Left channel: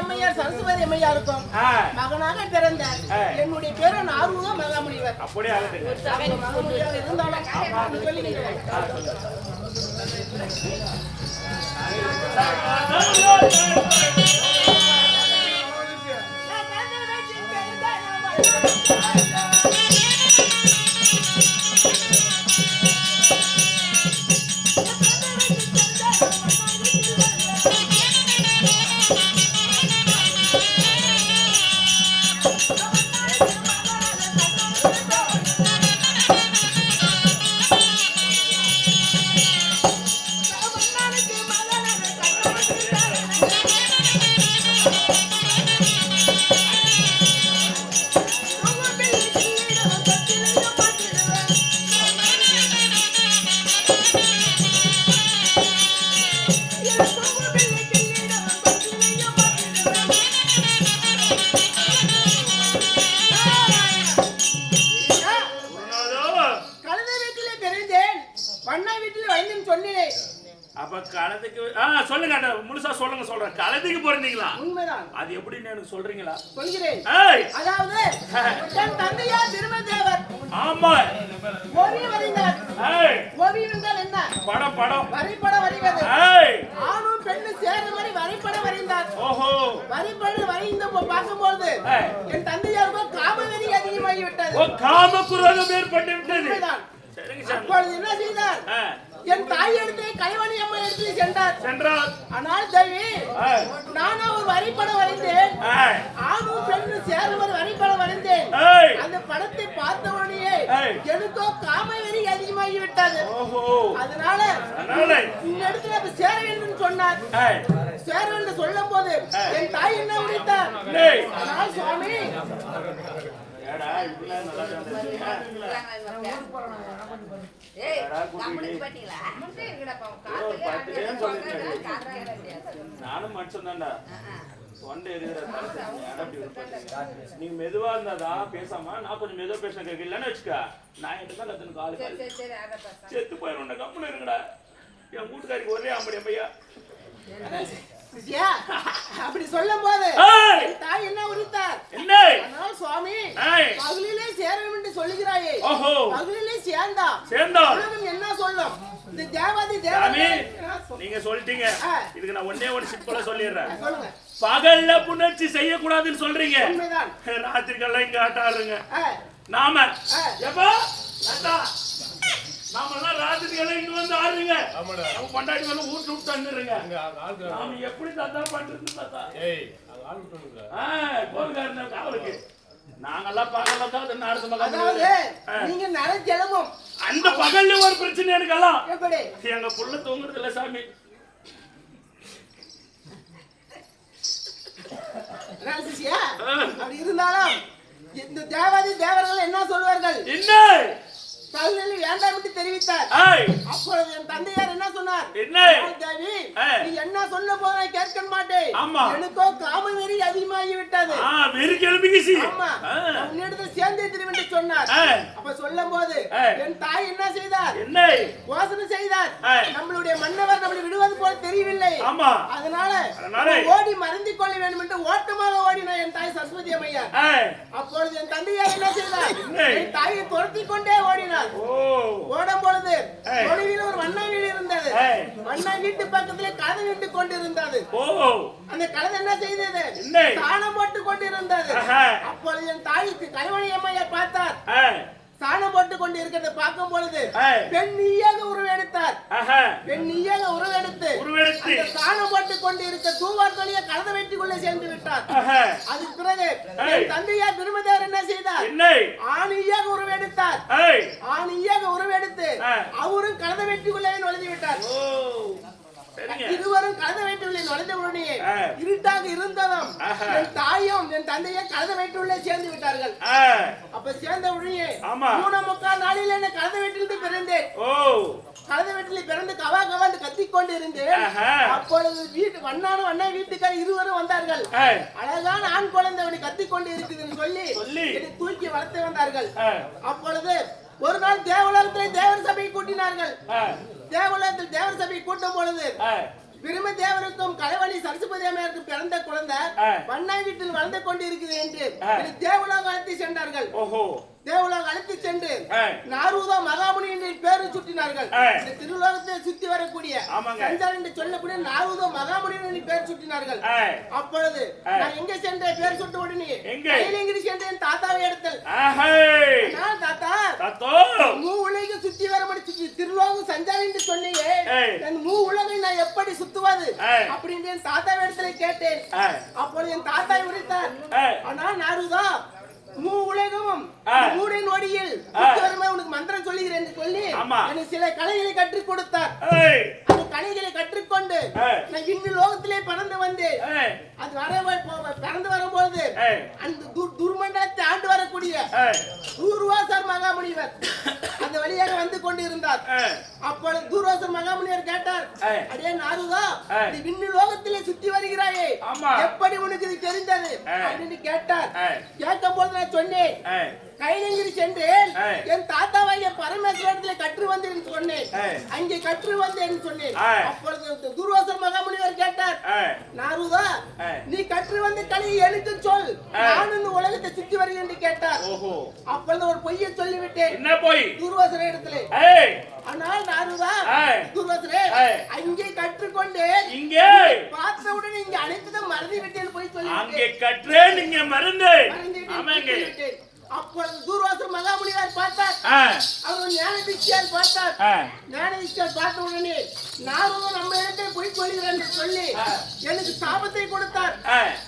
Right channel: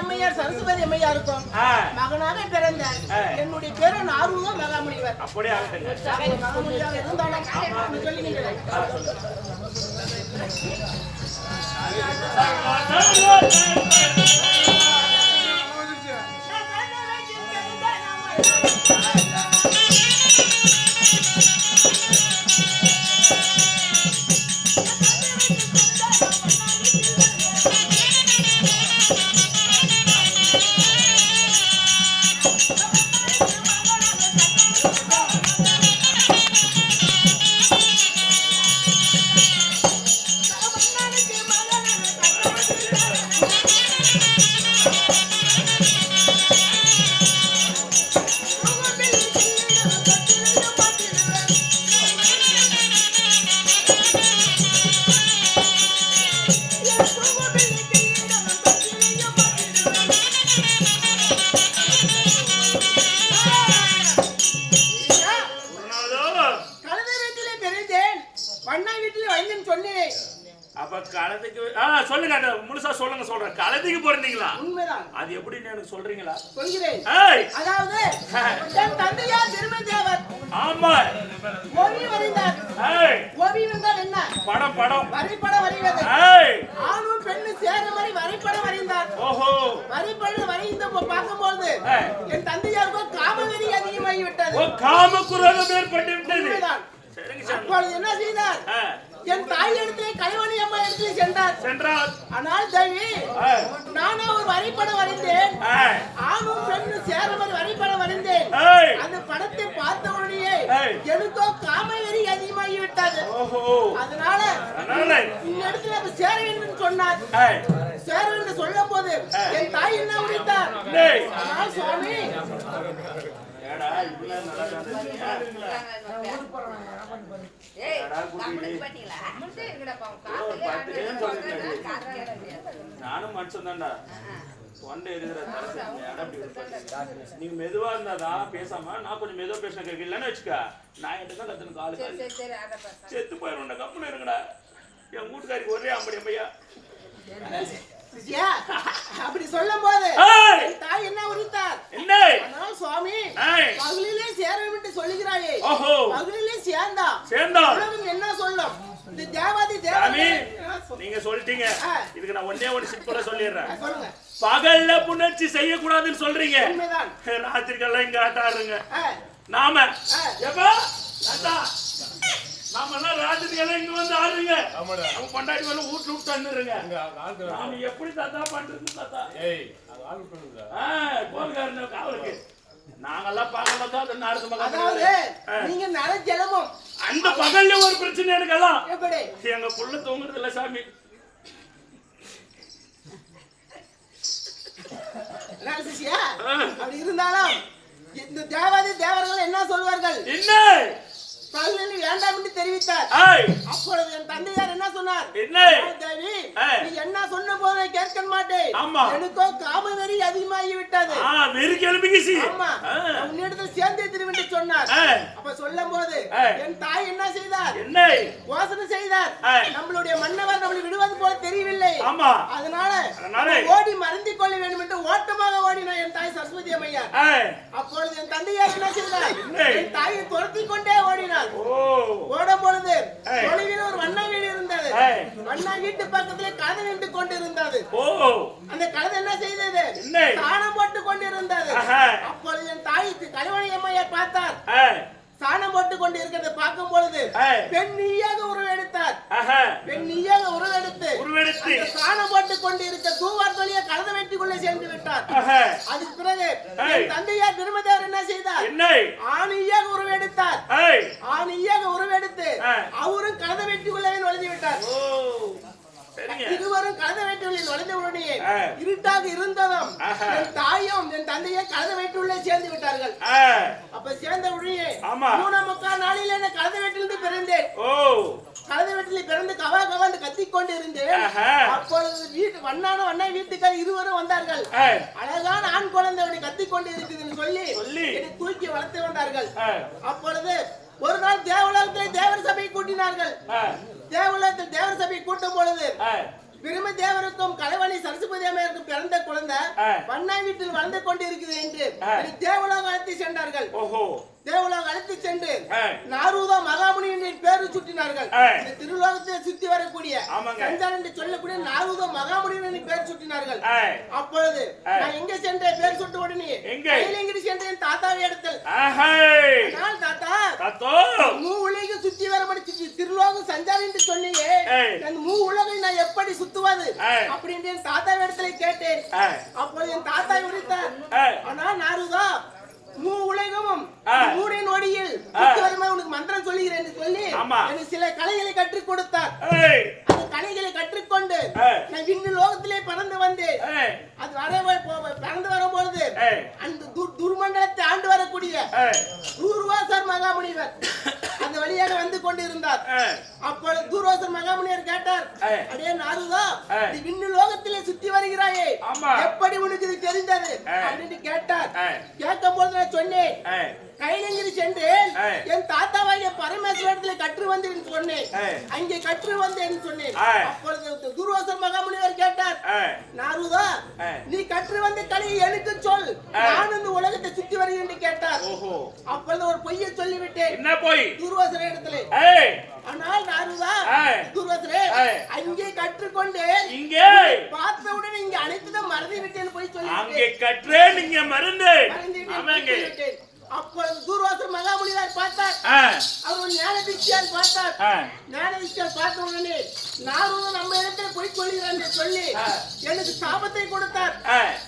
அம்மையார் சரஸ்வதி அம்மையாருக்கும் மகனாக பிறந்த என்னுடைய பேரு ஆர்வம் மகாமுனிவர். அப்படியே ஆகட்டும். மகாமுனிவர் இருந்தாலும் சொல்லுங்க. சொல்லுங்க, முழுசா சொல்லுங்க. சொல்றேன், கலதிக்கு பிறந்தீங்களா? உண்மைதான். அது எப்படின்னு எனக்கு சொல்றீங்களா? சொல்கிறேன். அதாவது என் தந்தையார் திருமதேவர் ஆமா ஓவியம் வரைந்தார். ஓவியம் என்றால் என்ன? படம் வரைபடம் வரைவது. ஆணும் பெண்ணும் சேர்ற மாதிரி வரைபடம் வரைந்தார். ஓஹோ. வரைபடம் வரைந்த பார்க்கும்போது என் தந்தையாருக்கு காமவெறி அதிகமாகிவிட்டது. காமக்குரோதம் ஏற்பட்டு விட்டது. அப்பொழுது என்ன செய்தார்? என் தாய் இடத்திலே கைவணி அம்மா இடத்திலே சென்றார். ஆனால் தேவி, நானா ஒரு வரைபடம் வரைந்தேன். ஆணும் பெண்ணும் சேர மாதிரி வரைபடம் வரைந்தேன். அந்த படத்தை பார்த்த உடனே எனக்கோ காமவெறி அதிகமாகிவிட்டது. அதனால இந்த இடத்துல சேர வேண்டும் சொன்னார். சேர வேண்டும் சொல்லும் போது என் தாய் என்ன உரைத்தார்? ஆனால் சுவாமி, நானும் மனுஷன் தான்டா. தொண்டை இருக்கிற நீங்க மெதுவா இருந்தாதான் பேசாம, நான் கொஞ்சம் மெதுவா பேச கேட்கலன்னு வச்சுக்க, நான் என்கிட்ட தான் கத்துன காலு செத்து போயிடும். கம்பெனி இருக்குடா. என் வீட்டுக்காரிக்கு ஒரே அம்படி பையா. அப்படி சொல்லும் போது தாய் என்ன உரித்தார்? ஆனால் சுவாமி, பகலிலே சேர வேண்டும் சொல்லுகிறாயே, பகலிலே சேர்ந்தா உலகம் என்ன சொல்லும்? இந்த தேவாதி தேவனே நீங்க சொல்லிட்டீங்க. இதுக்கு நான் ஒன்னே ஒரு சிம்பிளா சொல்லிடுறேன். பகல்ல புணர்ச்சி செய்யக்கூடாதுன்னு சொல்றீங்க. ராத்திரிக்கெல்லாம் இங்க ஆட்டாருங்க. நாம நாமெல்லாம் ராத்திரிக்கெல்லாம் இங்க வந்து ஆடுறீங்க. நம்ம பண்டாட்டி மேல வீட்டுல விட்டு வந்துருங்க. நாம எப்படி தாத்தா பண்றது தாத்தா? கோல்காரன் காவலுக்கு நாங்கெல்லாம் பகல்ல தான் நாடு மகன். நீங்க நரஜலமும் அந்த பகல்ல ஒரு பிரச்சனை எனக்கெல்லாம். எப்படி? எங்க புள்ள தூங்குறது இல்ல சாமி. அப்படி இருந்தாலும் இந்த தேவாதி தேவர்கள் என்ன சொல்வார்கள்? என்ன பகலில் வேண்டாம் என்று தெரிவித்தார். அப்பொழுது என் தந்தையார் என்ன சொன்னார்? தேவி, நீ என்ன சொன்ன போது கேட்க மாட்டேன். எனக்கோ காமவெறி அதிகமாகி விட்டது. உன்னிடத்தில் சேர்ந்தே திரும்பி சொன்னார். அப்ப சொல்லும் போது என் தாய் என்ன செய்தார்? யோசனை செய்தார். நம்மளுடைய மன்னவர் நம்மளை விடுவது போல தெரியவில்லை. அதனால ஓடி மறந்து கொள்ள வேண்டும் என்று ஓட்டமாக ஓடினார் என் தாய் சரஸ்வதி அம்மையார். அப்பொழுது என் தந்தையார் என்ன செய்தார்? என் தாயை துரத்தி கொண்டே ஓடினார். ஓடும் பொழுது தொலைவில் ஒரு வண்ணா வீடு இருந்தது. வண்ணா வீட்டு பக்கத்திலே கழுதை நின்று கொண்டிருந்தது. அந்த கழுதை என்ன செய்தது? சாணம் போட்டு கொண்டிருந்தது. அப்பொழுது என் தாய் கலைவணி அம்மையார் பார்த்தார். சாணம் போட்டு கொண்டு இருக்கிறத பார்க்கும் பொழுது பெண் நீயாக உருவெடுத்தார். பெண் நீயாக உருவெடுத்து அந்த சாணம் போட்டு கொண்டு இருக்க தூவார் தொழிலை கலந்து வெட்டி கொள்ள சென்று விட்டார். அதுக்கு பிறகு என் தந்தையார் திருமதேவர் என்ன செய்தார்? ஆணியாக உருவெடுத்தார். ஆணியாக உருவெடுத்து அவரும் கலந்து வெட்டி கொள்ளவே நுழைந்து விட்டார். இருவரும் கலந்து வைத்துள்ளே நுழைந்த உடனே இருட்டாக இருந்ததும் என் தாயும் என் தந்தையை கலந்து வைத்துள்ளே சேர்ந்து விட்டார்கள். அப்ப சேர்ந்த உடனே 3.25 நாளில் என்ன கலந்து வீட்டிலிருந்து பிறந்தேன். கலந்து வீட்டில் பிறந்து கவா கவாண்டு கத்திக்கொண்டு இருந்தேன். அப்பொழுது வண்ணா வீட்டுக்கார் இருவரும் வந்தார்கள். அழகான ஆண் குழந்தை அவனை கத்திக்கொண்டு இருக்குதுன்னு சொல்லி என்னை தூக்கி வளர்த்து வந்தார்கள். அப்பொழுது ஒரு நாள் தேவலோகத்தில் தேவர் சபையை கூட்டினார்கள். தேவலோகத்தில் தேவர் சபையை கூட்டும் பொழுது பிரம்மதேவருக்கும் கலைவாணி சரஸ்வதி அம்மையாருக்கும் பிறந்த குழந்தை பண்ணாய் வீட்டில் வளர்ந்து கொண்டு இருக்குது என்று தேவலோகம் அழைத்து சென்றார்கள். தேவலோகம் அழைத்து சென்று நாரூதா மகாமுனி என்ற பேரு சுட்டினார்கள். திருலோகத்தை சுத்தி வரக்கூடிய சஞ்சார் என்று சொல்லக்கூடிய நாரூதா மகாமுனி என்ற பேர் சுட்டினார்கள். அப்பொழுது நான் எங்க சென்றேன் பேர் சுட்ட உடனே கையிலங்கிரி சென்றேன் தாத்தாவை இடத்தில். தாத்தா உலகம் சுத்தி வரபடி திருலோகம் சஞ்சார் என்று சொன்னியே உலகை நான் எப்படி சுத்துவது அப்படின்னு தாத்தா இடத்துல கேட்டேன். அப்பொழுது என் தாத்தாவை உரைத்தார். ஆனால் நாரூதா உலகமும் ஊரின் ஒடியில் உனக்கு மந்திரம் சொல்லுகிறேன் என்று சொல்லி எனக்கு சில கலைகளை கற்றுக் கொடுத்தார். அந்த கலைகளை கற்றுக்கொண்டு நான் விண்ணு லோகத்திலே பறந்து வந்தேன். அது பறந்து வரும்பொழுது அந்த துர்மண்டலத்தை ஆண்டு வரக்கூடிய தூர்வாசர் மகாமுனிவர் அந்த வழியாக வந்து கொண்டு இருந்தார். அப்பொழுது தூர்வாசர் மகாமுனிவர் கேட்டார், அடே நாரூதா, நீ விண்ணு லோகத்திலே சுத்தி வருகிறாயே, எப்படி உனக்கு இது தெரிந்தது அப்படின்னு கேட்டார். கேட்கும் போது நான் சொன்னேன், கைலங்கிரி சென்றேன், என் தாத்தாவாகிய பரமேஸ்வரத்திலே கற்று வந்தேன் சொன்னேன். அங்கே கற்று வந்தேன் சொன்னேன். அப்பொழுது துர்வாசர் மகாமுனிவர் கேட்டார், நாரூதா, நீ கற்று வந்த கலையை எனக்கு சொல், நான் இந்த உலகத்தை சுத்தி வருகிறேன் என்று கேட்டார். அப்பொழுது ஒரு பொய்யை சொல்லிவிட்டேன். என்ன பொய்? துர்வாசர் இடத்திலே. ஆனால் நாரூதா, துர்வாசரே, அங்கே கற்றுக்கொண்டு இங்கே பார்த்தவுடன் இங்க அனைத்தும் மறந்து விட்டேன் போய் சொல்லி அங்கே கற்றேன், நீங்க மறந்து விட்டேன். அப்பொழுது தூர்வாசர் மகாமுனிவர் பார்த்தார். அவர் ஞான திஷ்டியால் பார்த்தார். ஞான திஷ்டியால் பார்த்த உடனே நாரூதா நம்ம இடத்தில் போய் சொல்லுகிறேன் என்று சொல்லி எனக்கு சாபத்தை கொடுத்தார்.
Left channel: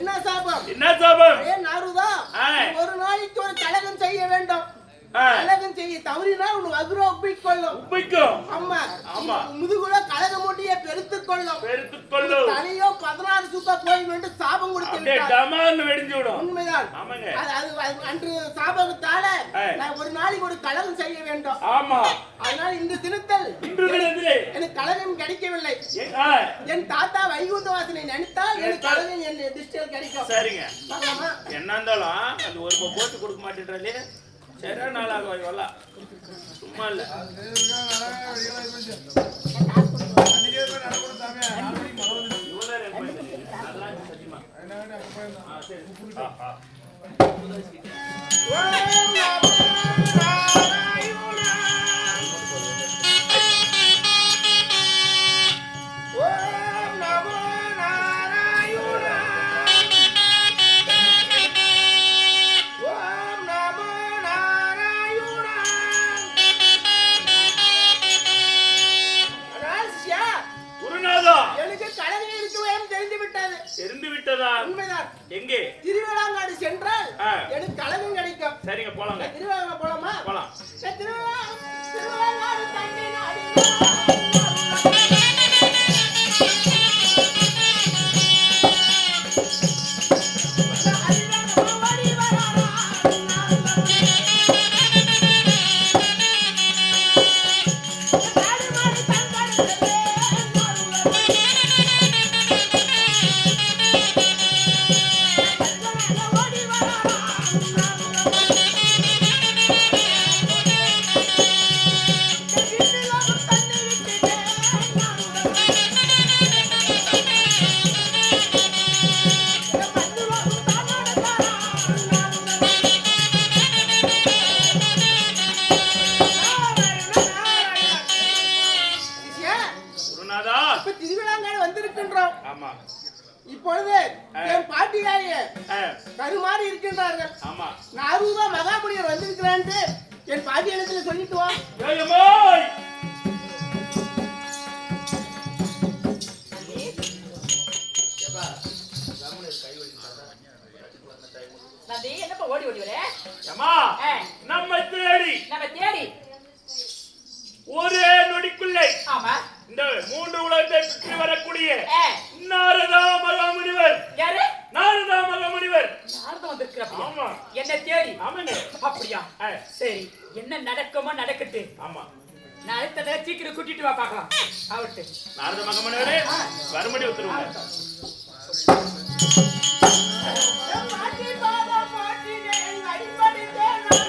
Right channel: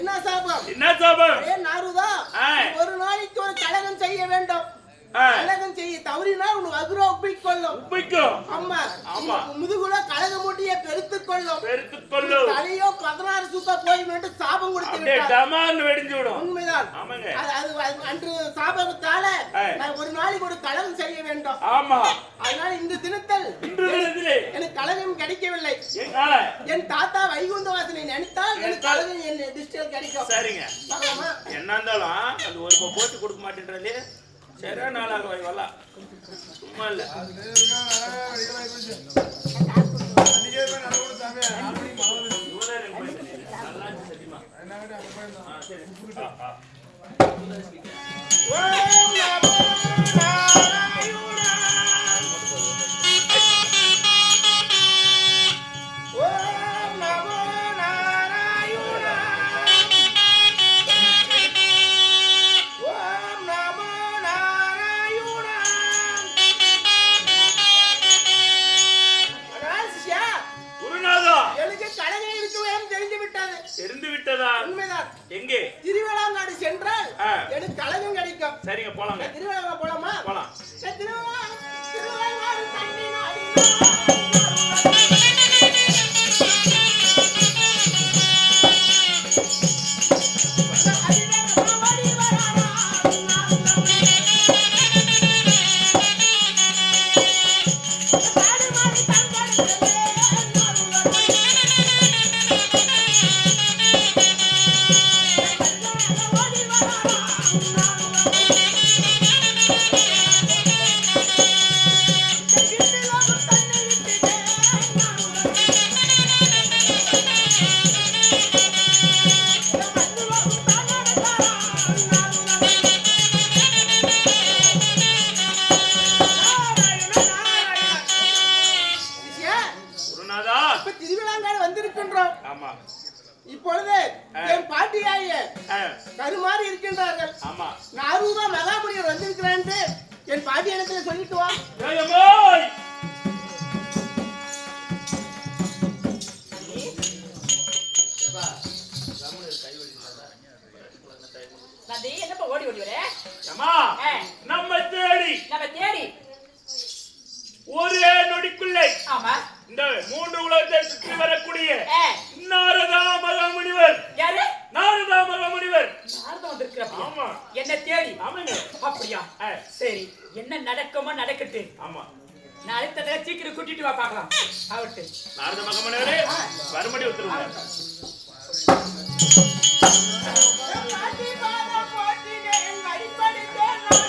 என்ன சாபம்? என்ன சாபம்? நாரூதா, ஒரு நாளைக்கு ஒரு கலகம் செய்ய வேண்டும். கலகம் செய்ய தவறினால் உன் வகுர ஒப்பிக்கொள்ளும். ஆமா, முதுகுல கலகம் மூட்டிய பெருத்துக் கொள்ளும். தலையோ 16 சுக்கா போயிடும் என்று சாபம் கொடுத்து விட்டார். உண்மைதான். அன்று சாபத்தால நான் ஒரு நாளைக்கு ஒரு கலகம் செய்ய வேண்டும். அதனால இந்த தினத்தில் எனக்கு கலகம் கிடைக்கவில்லை. என் தாத்தா வைகுந்த வாசனை நினைத்தால் எனக்கு கலகம் என் திருஷ்டியில் கிடைக்கும். சரிங்க, என்ன இருந்தாலும் அது ஒரு போட்டு கொடுக்க மாட்டேன்றே. சரி, நாளாக வரலாம். சும்மா இல்ல எங்கே திருவிழாங்காடு சென்றால் எனக்கு கலகம் கிடைக்கும். சரிங்க, போலாம். திருவிழா போலாமா? போலாம். திருவிழாங்காடு தண்ணி நாடி இப்பொழுது என் பாட்டியாய கருமாறி இருக்கின்றார்கள். நாரூதா மகாமுனிவர் வந்திருக்கிறான் என் பாட்டி இடத்துல சொல்லிட்டு வா. ஓடி ஓடி வர நம்ம தேடி ஒரே நொடிக்குள்ளே இந்த 3 உலகத்தை சுற்றி வரக்கூடிய நாரதா மகாமுனிவர். யாரு? நாரதா மகாமுனிவர். நாரதா வந்திருக்கிறார். ஆமா, என்ன தேடி. ஆமாங்க. அப்படியா? சரி, என்ன நடக்குமோ நடக்கட்டு. ஆமா, நான் அடுத்தத சீக்கிரம் கூட்டிட்டு வா பார்க்கலாம். ஆவட்டு. நாரதா மகாமுனிவரே, வரும்படி உத்தரவுங்க. பாட்டி பாதா பாட்டி நான் அடிபடிதே நான்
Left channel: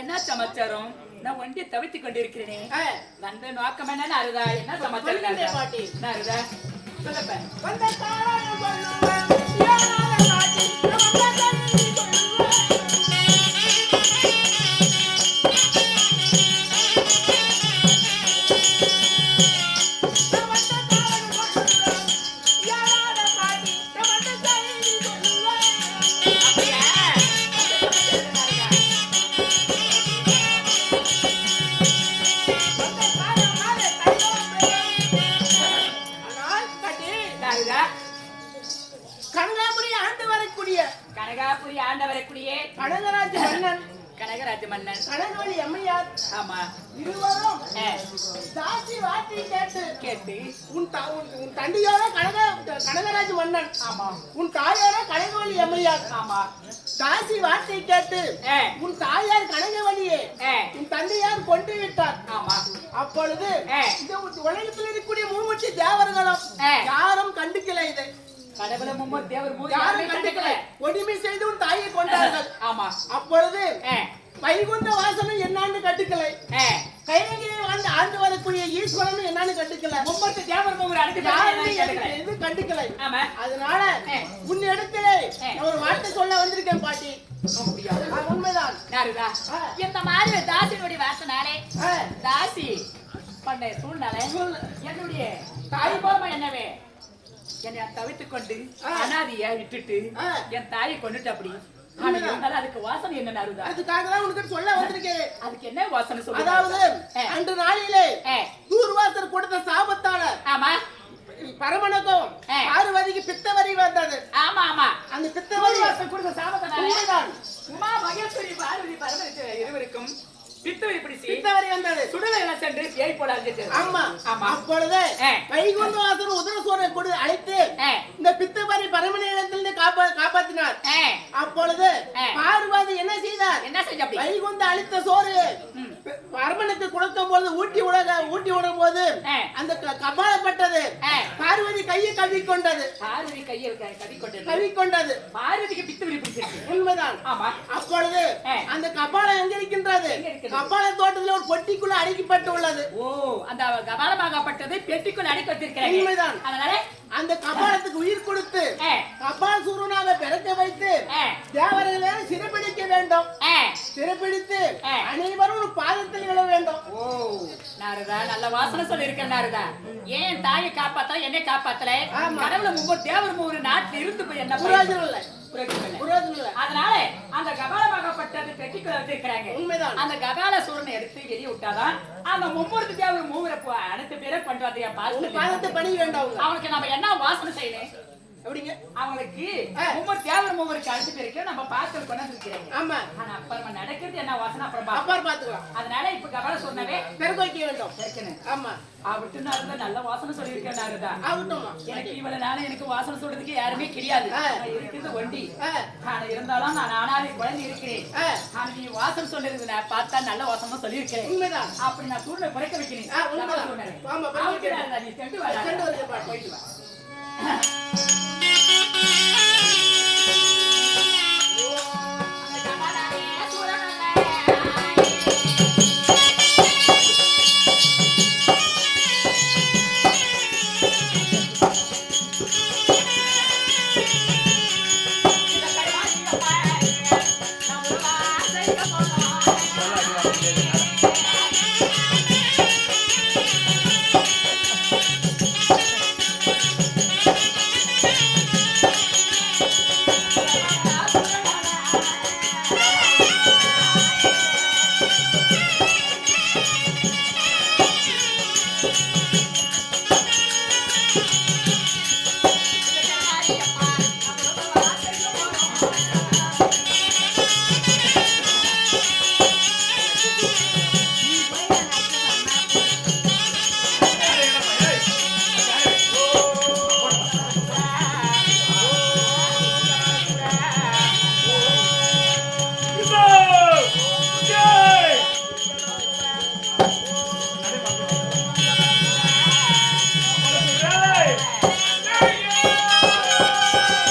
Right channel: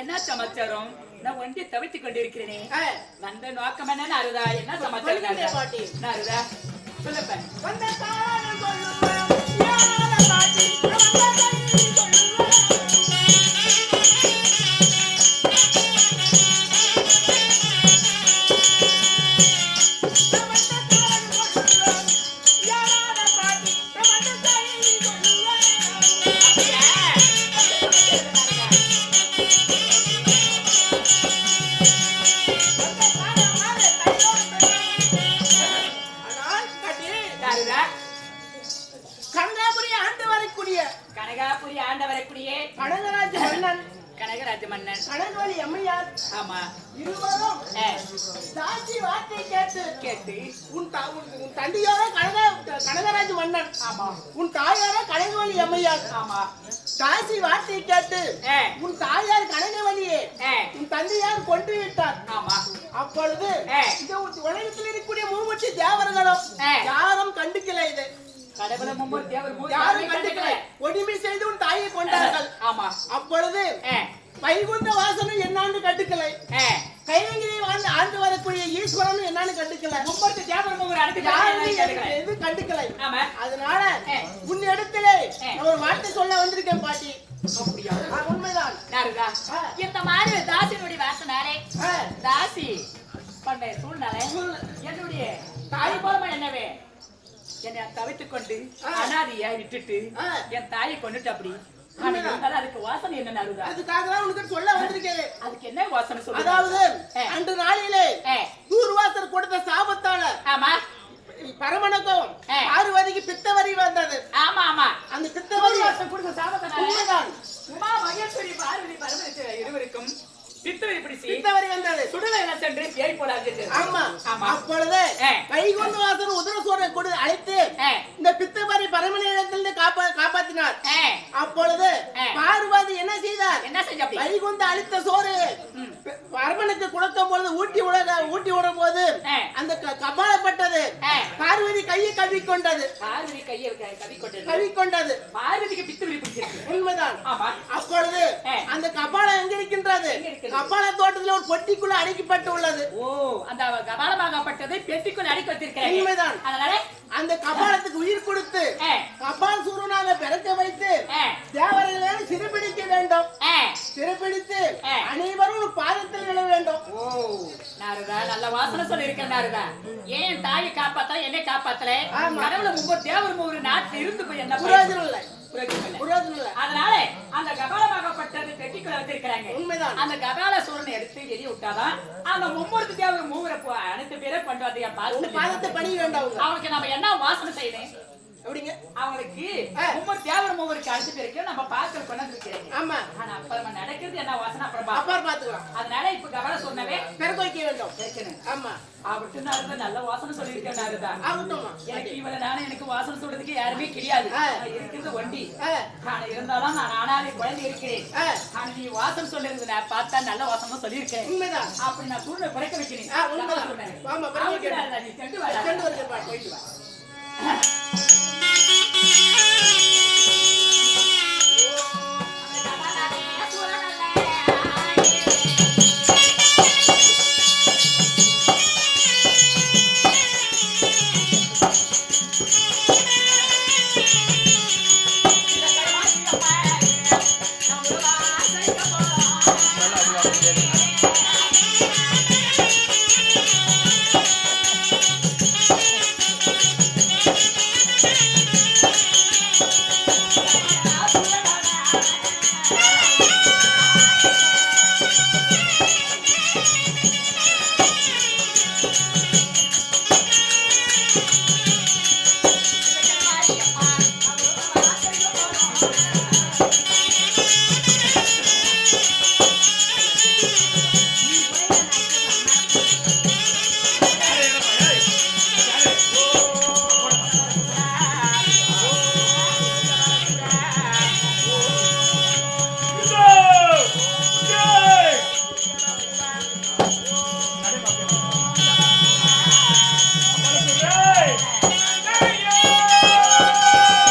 என்ன சமாச்சாரம்? நான் ஒண்டி தவித்துக் கொண்டிருக்கிறேனே. வந்த நோக்கம் என்ன நாரதா? என்ன சமாச்சாரம் நாரதா? சொல்லப்ப. வந்த காரணம் சொல்லுவேன். யாரால பாட்டி வந்த கண்ணி சொல்லுவேன். கனகாபுரி ஆண்டு வரக்கூடிய கனகராஜ மன்னன் கனகராஜ மன்னன் கனகவல்லி அம்மையார் ஆமா இருவரும் தாசி வார்த்தை கேட்டு உன் தந்தையோட கனகராஜ மன்னன் ஆமா உன் தாயார கனகவல்லி அம்மையார் ஆமா தாசி வார்த்தை கேட்டு உன் தாயார் கனகவல்லியே உன் தந்தையார் கொண்டு விட்டார் ஆமா அப்பொழுது இந்த உலகத்தில் இருக்கக்கூடிய மூமுச்சி தேவர்களும் யாரும் கண்டுக்கல இது கடவுளை மும்மூர் தேவர் யாரும் கண்டுக்கல ஒடிமை செய்து உன் தாயை கொண்டார்கள் ஆமா அப்பொழுது வைகுண்ட வாசனை என்னான்னு கண்டுக்கலை கைலங்கியை ஆண்டு வரக்கூடிய ஈஸ்வரன் என்னான்னு கண்டுக்கல மும்மூர்த்தி தேவர் எது கண்டுக்கலை அதனால உன் இடத்திலே ஒரு வார்த்தை சொல்ல வந்திருக்கேன் பாட்டி அப்படியா உண்மைதான் நாருதா இந்த மாதிரி தாசியினுடைய வார்த்தைனாலே தாசி பண்ண சூழ்நிலை என்னுடைய தாய் போலமா என்னவே என்னை தவித்துக் கொண்டு அனாதியா விட்டுட்டு என் தாயை கொண்டுட்டு அப்படி அதுக்கு வாசனை என்ன நாருதா? அதுக்காக தான் உனக்கு சொல்ல வந்திருக்கேன். அதுக்கு என்ன வாசனை சொல்லுங்க? அதாவது அன்று நாளிலே தூர்வாசர் கொடுத்த சாபத்தால ஆமா பரமனுக்கும் பார்வதிக்கு பித்தவரி வந்தது. ஆமா ஆமா அந்த பித்தவரி வாசர் கொடுத்த சாபத்தால உமா மகேஸ்வரி பார்வதி பரமேஸ்வரி இருவருக்கும் பித்தவரி பிடிச்சி பித்தவரி வந்தது. சுடலையில சென்று பேய் போல அழைச்சிட்டு ஆமா ஆமா அப்பொழுது வைகுண்ட வாசர் உதரசோரை கொடுத்து அழைத்து இந்த பித்தவரி பரமனிடத்திலிருந்து காப்பாத்தினார். அப்பொழுது பார்வதி என்ன செய்தார்? என்ன செஞ்ச? வைகுண்ட அளித்த சோறு அரமனுக்கு கொடுக்கும் போது ஊட்டி விடும் போது அந்த கபாலப்பட்டது பார்வதி கையை கவிக்கொண்டது. பார்வதி கையை கவிக்கொண்டது. பார்வதிக்கு பித்து பிடிச்சிருக்கு. உண்மைதான். அப்பொழுது அந்த கபாலம் எங்க இருக்கின்றது? கபால தோட்டத்தில் ஒரு பொட்டிக்குள்ள அடைக்கப்பட்டு உள்ளது. ஓ, அந்த கபாலமாகப்பட்டது பெட்டிக்குள்ள அடைக்க வச்சிருக்கிறேன். உண்மைதான். அதனால அந்த கபாலத்துக்கு உயிர் கொடுத்து கபால சூரனாக பிறக்க வைத்து தேவர்களை சிறைப்பிடிக்க வேண்டும். சிறைப்பிடித்து அனைவரும் பாதத்தில் விழ வேண்டும். ஓ, நாரதா நல்ல வாசனை சொல்லி இருக்கேன். நாரதா ஏன் தாயை காப்பாத்தல, என்னை காப்பாத்தல? கடவுளை முப்பது தேவர் ஒரு நாட்டில் இருந்து போய் என்ன பிரயோஜனம் இல்லை. அதனால அந்த கபாலமாகப்பட்டது பெட்டிக்குள்ள வச்சிருக்கிறாங்க. உண்மைதான். அந்த கபால சூரனை எடுத்து வெளியே விட்டாதான் அந்த மும்மூர்த்தி தேவர் மூவரை அனைத்து பேரை கொண்டு வந்து பாதத்தை பணி வேண்டாம். அவனுக்கு நம்ம என்ன வாசனை செய்யணும் அப்படிங்க? அவங்களுக்கு ஒவ்வொரு தேவர் மூவருக்கு அழைச்சிட்டு இருக்கு. நம்ம பார்த்து கொண்டு இருக்கிறேன். ஆமா. ஆனா அப்புறமா நடக்கிறது என்ன வாசனை அப்புறம் பாத்துக்கலாம். அதனால இப்ப கபால சொன்னவே பிறக்க வைக்க வேண்டும். இருக்கணும். ஆமா. அவருக்கு நல்ல வாசனை சொல்லியிருக்கேன். எனக்கு இவ்வளவு நானும் எனக்கு வாசனை சொல்றதுக்கு யாருமே கிடையாது. இருக்கிறது ஒண்டி. ஆனா இருந்தாலும் நான் ஆனாலே குழந்தை இருக்கிறேன். ஆனா நீ வாசனை சொல்லிருக்கு நான் பார்த்தா நல்ல வாசனை சொல்லியிருக்கேன். உண்மைதான். அப்படி நான் சூழ்நிலை குறைக்க வைக்கிறேன். நீ சென்று வா, போயிட்டு வா.